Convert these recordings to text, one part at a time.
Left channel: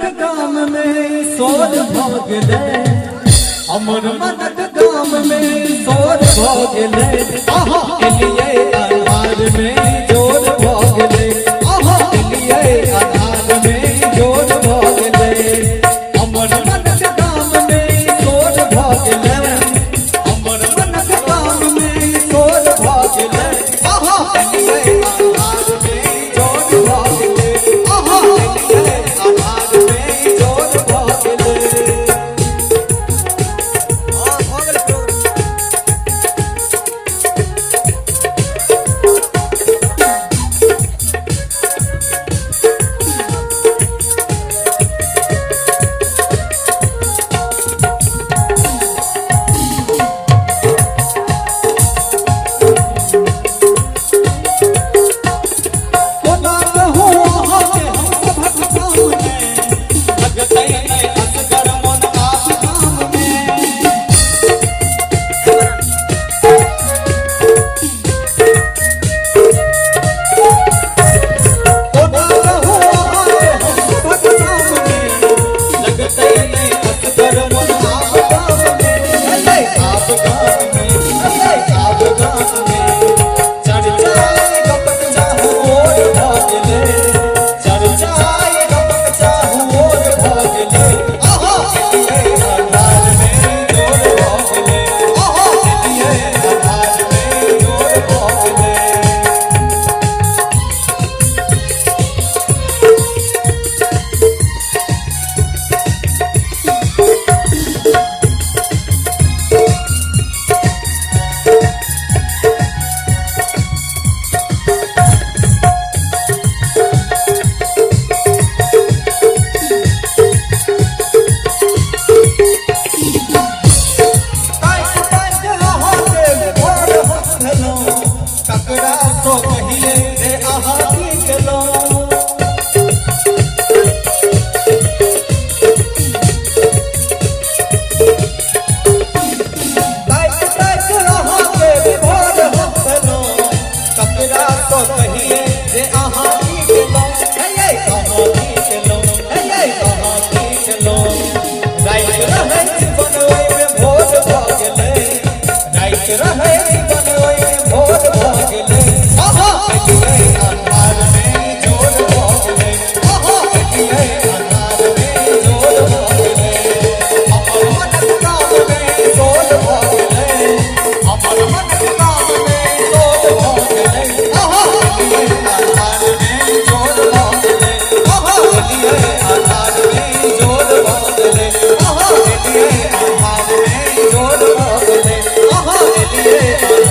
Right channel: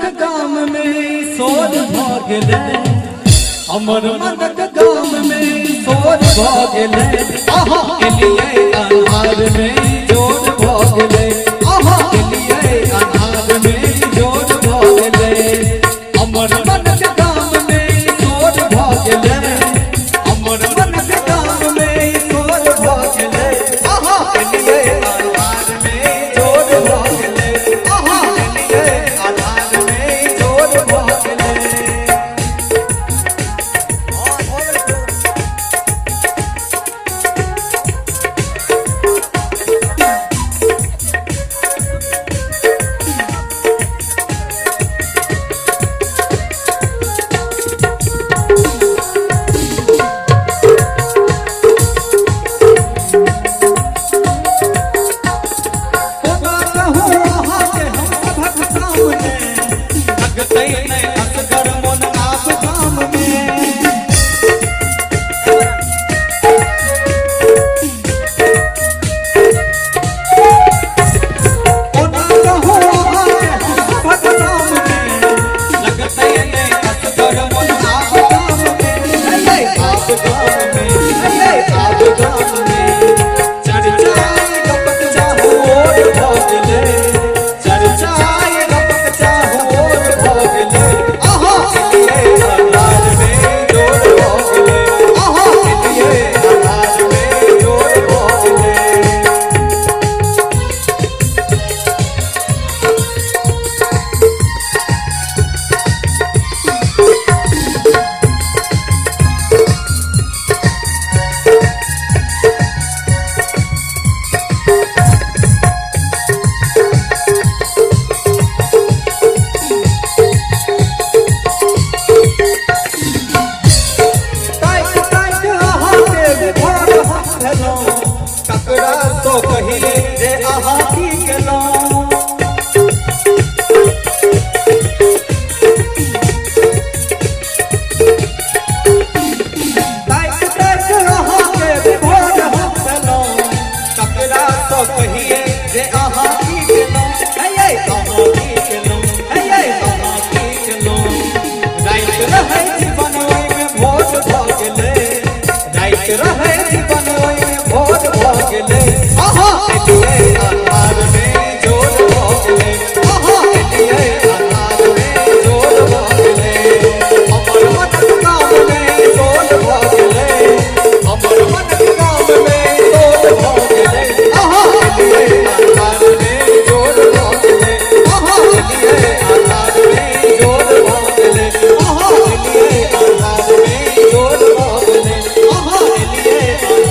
मनक गाम में सोर भागले, हमर मनक गाम में सोर भागले, के लिए अनार में जोर भागले, के लिए अनार में जोर भागले, हमर मनक गाम में सोर भागले, हमर मनक गाम में सोर भागले, के लिए अनार में जोर भागले, के लिए अनार में जोर भागले। जोर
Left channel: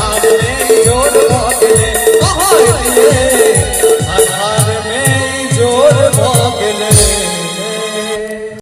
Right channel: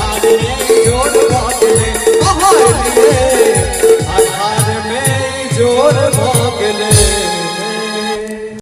भागले,